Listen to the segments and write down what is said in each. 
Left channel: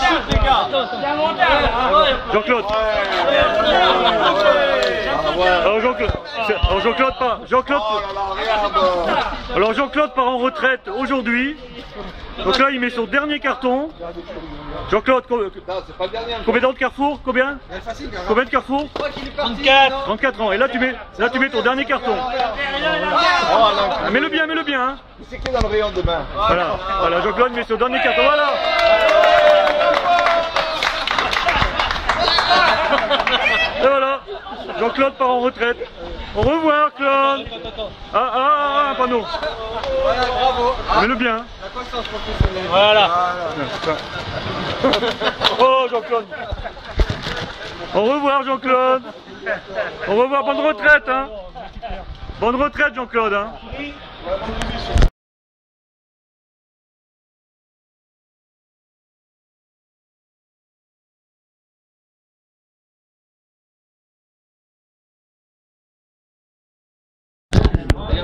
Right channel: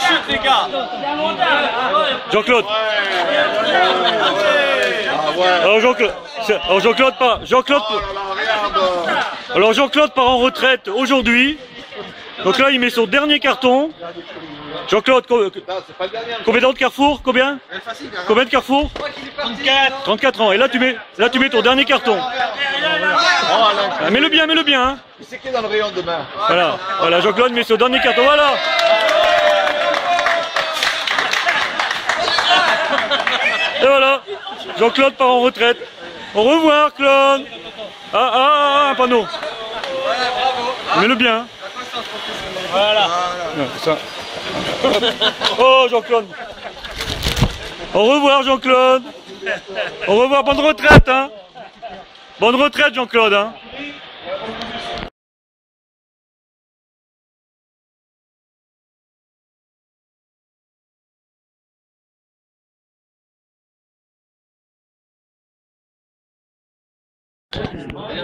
chute, les gars. Jean-Claude. Alors Jean-Claude pas. Alors Jean-Claude part en retraite aujourd'hui. Donc là, il met son dernier carton. Jean-Claude, combien d'ans de Carrefour? Combien de Carrefour? 34 ans. Et là, tu mets ton dernier carton. Ah, mets-le bien, hein. C'est qui est dans le rayon demain? Voilà, Jean-Claude met son dernier carton. Voilà. Et voilà, Jean-Claude part en retraite. Au revoir, Claude. Un panneau. Voilà, bravo. Mets-le bien. Voilà. C'est ça. Oh, Jean-Claude. Au revoir, Jean-Claude. Au revoir, bonne retraite, hein. Bonne retraite, Jean-Claude, hein.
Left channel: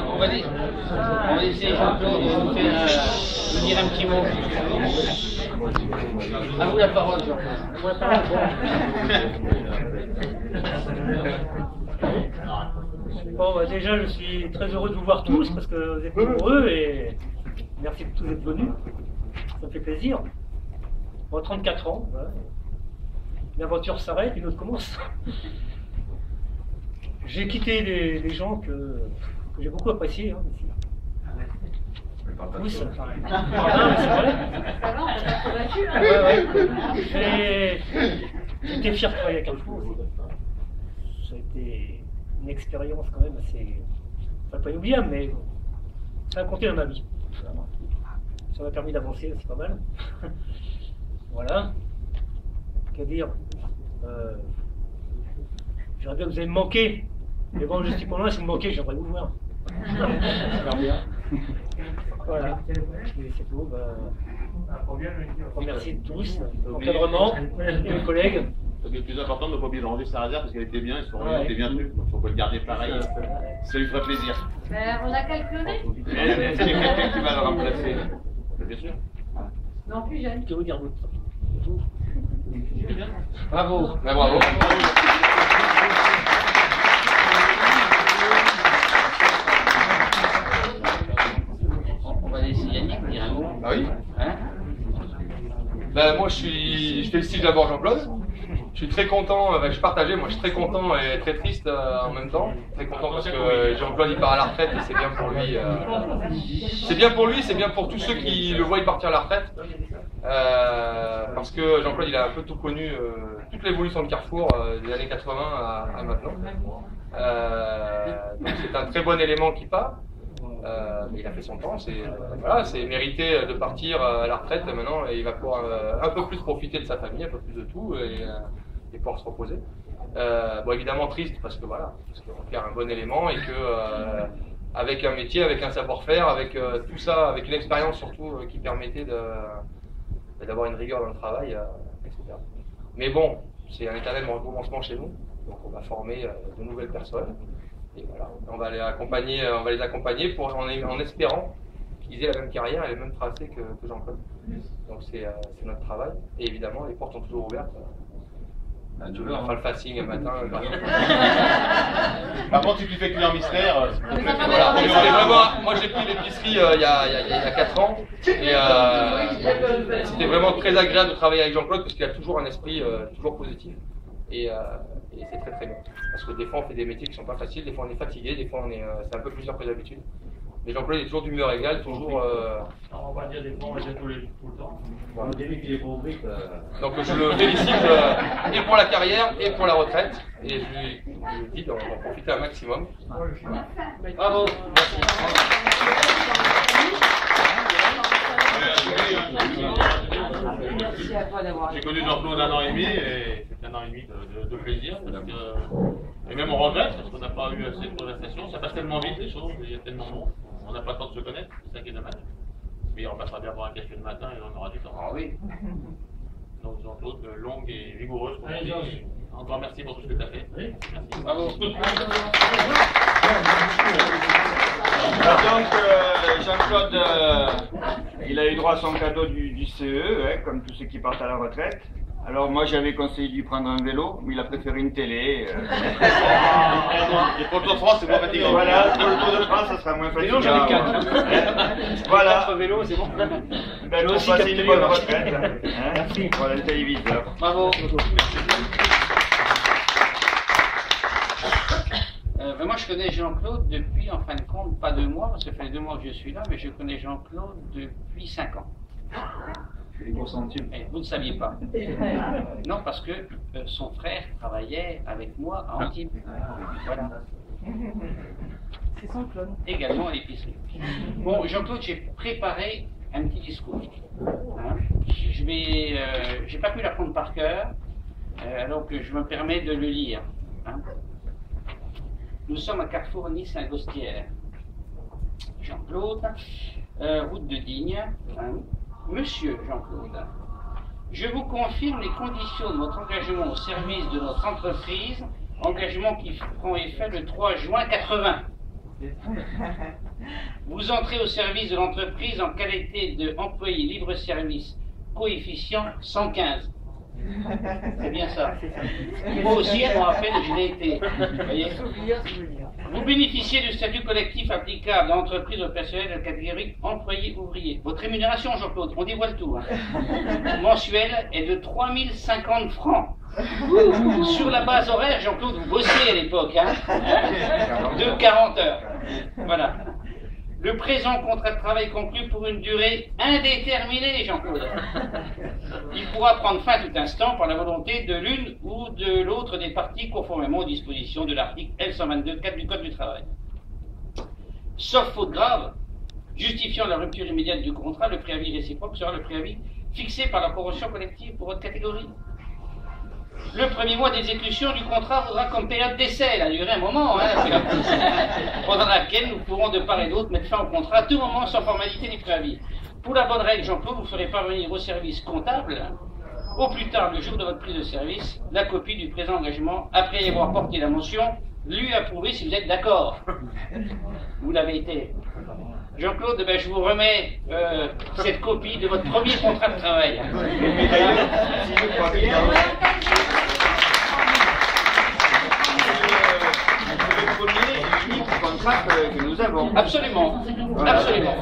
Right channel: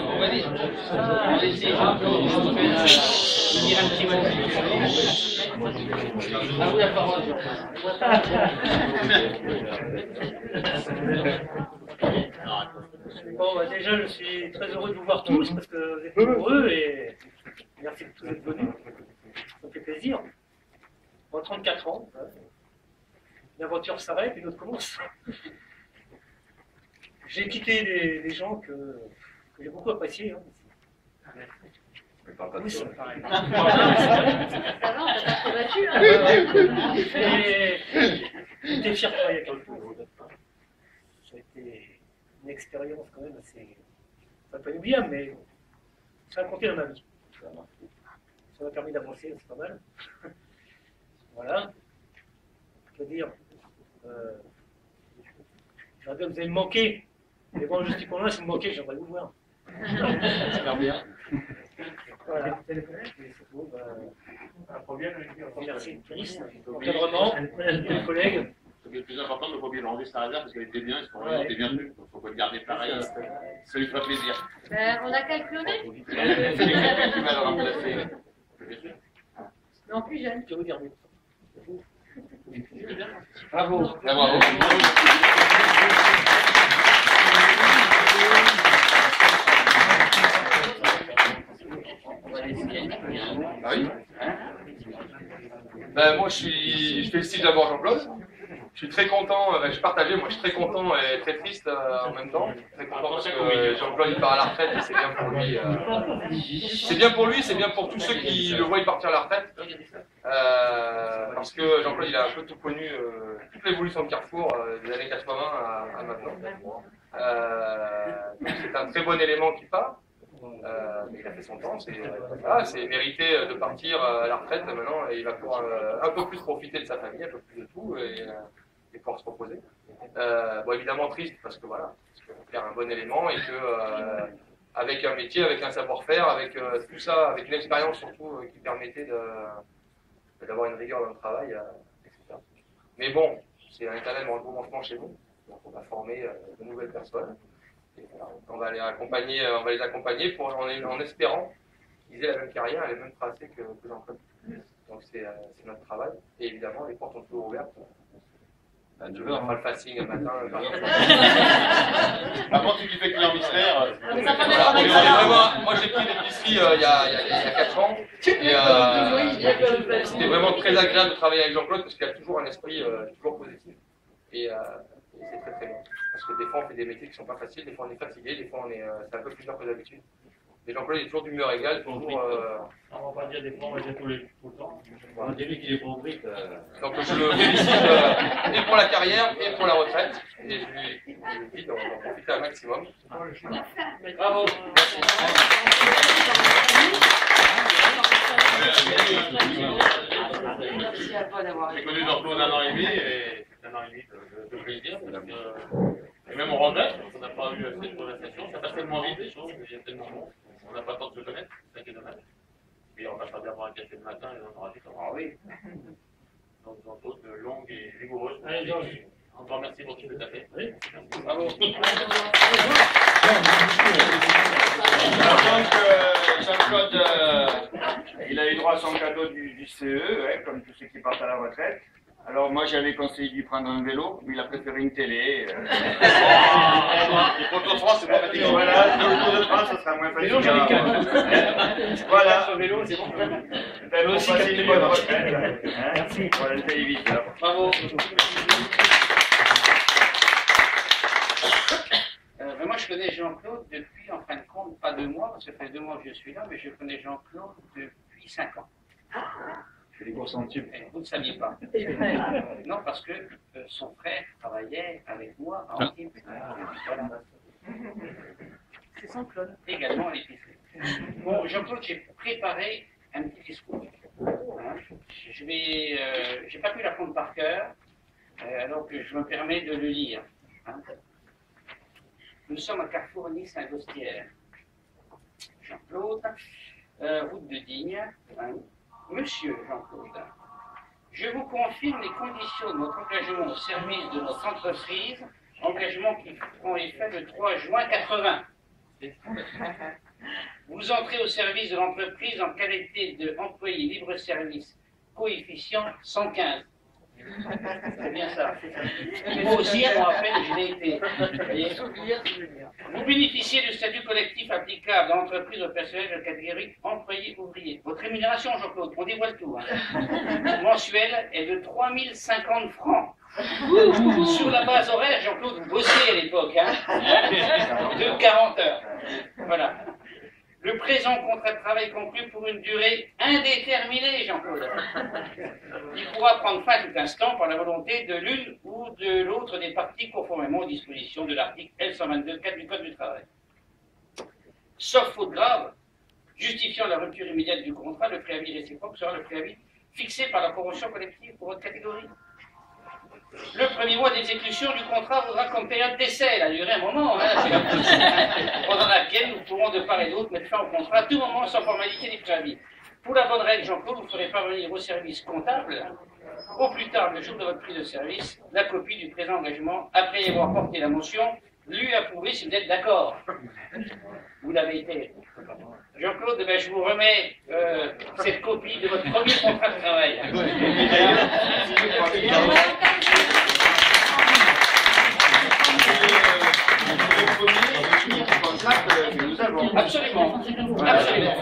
On va laisser Jean-Claude dire un petit mot. À vous la parole, Bon, bah déjà, je suis très heureux de vous voir tous parce que vous êtes nombreux et merci de tous être venus. Ça me fait plaisir. Bon, 34 ans, voilà. L'aventure s'arrête, une autre commence. J'ai quitté des gens que j'ai beaucoup appréciés. Hein, ici. Oui, c'est pareil. C'est vrai. J'étais fier de travailler à Carrefour. Ça a été une expérience quand même assez, pas inoubliable, mais ça a compté dans ma vie. Ça m'a permis d'avancer, c'est pas mal. Voilà. Qu'à dire, j'aurais bien que vous allez me manquer. Mais bon, je suis pour moi, si vous me manquez, j'aimerais vous voir. J'espère bien. Voilà. Et c'est tout. Merci tous, l'encadrement, mes collègues. Le plus important, ne pas oublier de rendre sa réserve parce qu'elle était bien, elle était bien tenue. Donc il faut pas le garder pareil. Ça lui fera plaisir. On a calculé. C'est quelqu'un qui va le remplacer. Bien sûr. Mais en plus jeune. Que vous dire d'autre? Bravo. Bravo. On va laisser Yannick dire un mot. Ah oui. Hein? Ben, moi, je félicite d'abord Jean-Claude. Je suis très content, je partageais, moi je suis très content et très triste en même temps. Très content parce que Jean-Claude il part à la retraite et c'est bien pour lui. C'est bien pour lui, c'est bien pour tous ceux qui le voient partir à la retraite. Parce que Jean-Claude il a un peu tout connu, toute l'évolution de Carrefour des années 80 à maintenant. Donc c'est un très bon élément qui part. Mais il a fait son temps, c'est mérité de partir à la retraite maintenant et il va pouvoir un peu plus profiter de sa famille, un peu plus de tout et pouvoir se reposer. Bon évidemment triste parce qu'on perd un bon élément et que avec un métier, avec un savoir-faire, avec tout ça, avec une expérience surtout qui permettait d'avoir une rigueur dans le travail, etc. Mais bon, c'est un éternel recommencement chez nous, donc on va former de nouvelles personnes. Et voilà, on va les accompagner en espérant qu'ils aient la même carrière et le même tracé que Jean-Claude. Donc c'est notre travail. Et évidemment, les portes sont toujours ouvertes. On fera le fasting le matin. Par contre, si tu fais client mystère. Voilà. Moi j'ai pris l'épicerie il y a 4 ans. Et c'était vraiment très agréable de travailler avec Jean-Claude parce qu'il a toujours un esprit toujours positif. Et c'est très très bien. Parce que des fois on fait des métiers qui sont pas faciles, des fois on est fatigué, des fois c'est un peu plus dur que d'habitude. Mais Jean-Claude est toujours d'humeur égale, toujours. On va dire des fois, on va dire tout le temps. Au début qu'il est pas au brique. Donc je le félicite et pour la carrière et pour la retraite. Et je lui dis on va en profiter un maximum. Bravo. J'ai connu Jean-Claude 1 an et demi et c'est 1 an et demi de plaisir. Et même on regrette parce qu'on n'a pas eu assez de conversation. Ça passe tellement vite les choses, il y a tellement de monde. On n'a pas le temps de se connaître, c'est ça qui est dommage. Mais on passera bien boire un café le matin et on aura du temps. Ah oui. Donc Jean-Claude, longue et vigoureuse. Encore merci pour tout ce que tu as fait. Oui. Merci. Bravo. Donc Jean-Claude Il a eu droit à son cadeau du CE, hein, comme tous ceux qui partent à la retraite. Alors moi j'avais conseillé de lui prendre un vélo, mais il a préféré une télé. Et pour le Tour de France, c'est moins fatigant. Voilà, pour le Tour de France, ça sera moins fatigant. Vélo, j'en ai 4. Voilà. 4 vélos, c'est bon. Ben, pour aussi, passer quatre une bonne vélos. retraite. Hein. Merci. Voilà le téléviseur. Bravo. Moi, je connais Jean-Claude depuis, en fin de compte, pas 2 mois, parce que ça fait 2 mois que je suis là, mais je connais Jean-Claude depuis 5 ans. Les gros centimes. Et vous ne saviez pas. Non, parce que son frère travaillait avec moi à Antibes. Voilà. C'est son clone. Également à l'épicerie. Bon, Jean-Claude, j'ai préparé un petit discours. Hein. J'ai pas pu l'apprendre par cœur, alors que je me permets de le lire. Hein. Nous sommes à Carrefour Nice-Saint-Gostière. Jean-Claude, route de Digne. Hein. Monsieur Jean-Claude, je vous confirme les conditions de votre engagement au service de notre entreprise, engagement qui prend effet le 3 juin 80. Vous entrez au service de l'entreprise en qualité d'employé libre-service, coefficient 115. C'est bien ça. Moi aussi, je me rappelle, je l'ai été. Vous bénéficiez du statut collectif applicable dans l'entreprise au personnel de la catégorie employé-ouvrier. Votre rémunération, Jean-Claude, on dévoile tout, hein, mensuelle est de 3050 francs. Sur la base horaire, Jean-Claude, vous bossiez à l'époque, hein, de 40 heures. Voilà. Le présent contrat de travail conclu pour une durée indéterminée, Jean-Claude. Il pourra prendre fin à tout instant par la volonté de l'une ou de l'autre des parties conformément aux dispositions de l'article L122.4 du Code du travail. Sauf faute grave, justifiant la rupture immédiate du contrat, le préavis réciproque sera le préavis fixé par la convention collective pour votre catégorie. Le premier mois d'exécution du contrat vaudra comme période d'essai, elle a duré un moment, hein, pendant laquelle nous pourrons de part et d'autre mettre fin au contrat à tout moment sans formalité ni préavis. Pour la bonne règle, Jean-Claude, vous ferez parvenir au service comptable, au plus tard le jour de votre prise de service, la copie du présent engagement, après y avoir porté la mention, lui approuver si vous êtes d'accord. Vous l'avez été. Jean-Claude, ben, je vous remets cette copie de votre premier contrat de travail. Que nous avons. Absolument, absolument.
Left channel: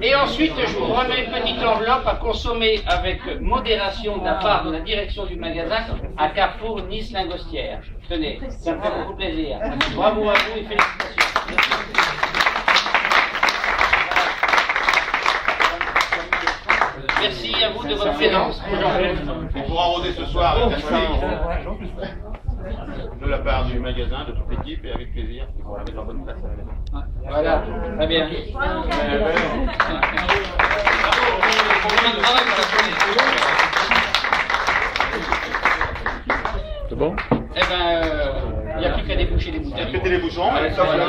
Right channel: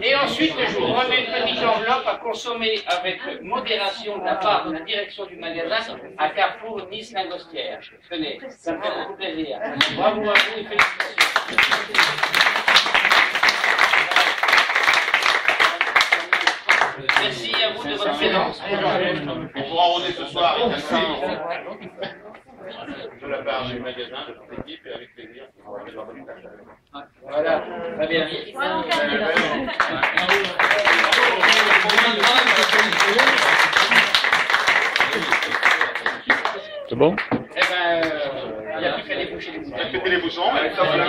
Et ensuite, je vous remets une petite enveloppe à consommer avec modération de la part de la direction du magasin à Carrefour Nice-Lingostière. Tenez, ça me fait beaucoup plaisir. Bravo à vous et félicitations. Merci à vous de votre présence. On pourra rôder ce soir avec un salut de la part du magasin, de toute l'équipe, et avec plaisir, on va mettre en bonne place à la maison. Voilà, très bien. C'est bon? Eh ben, il n'y a plus qu'à déboucher les bouteilles. Faites les bouchons, allez, top, là.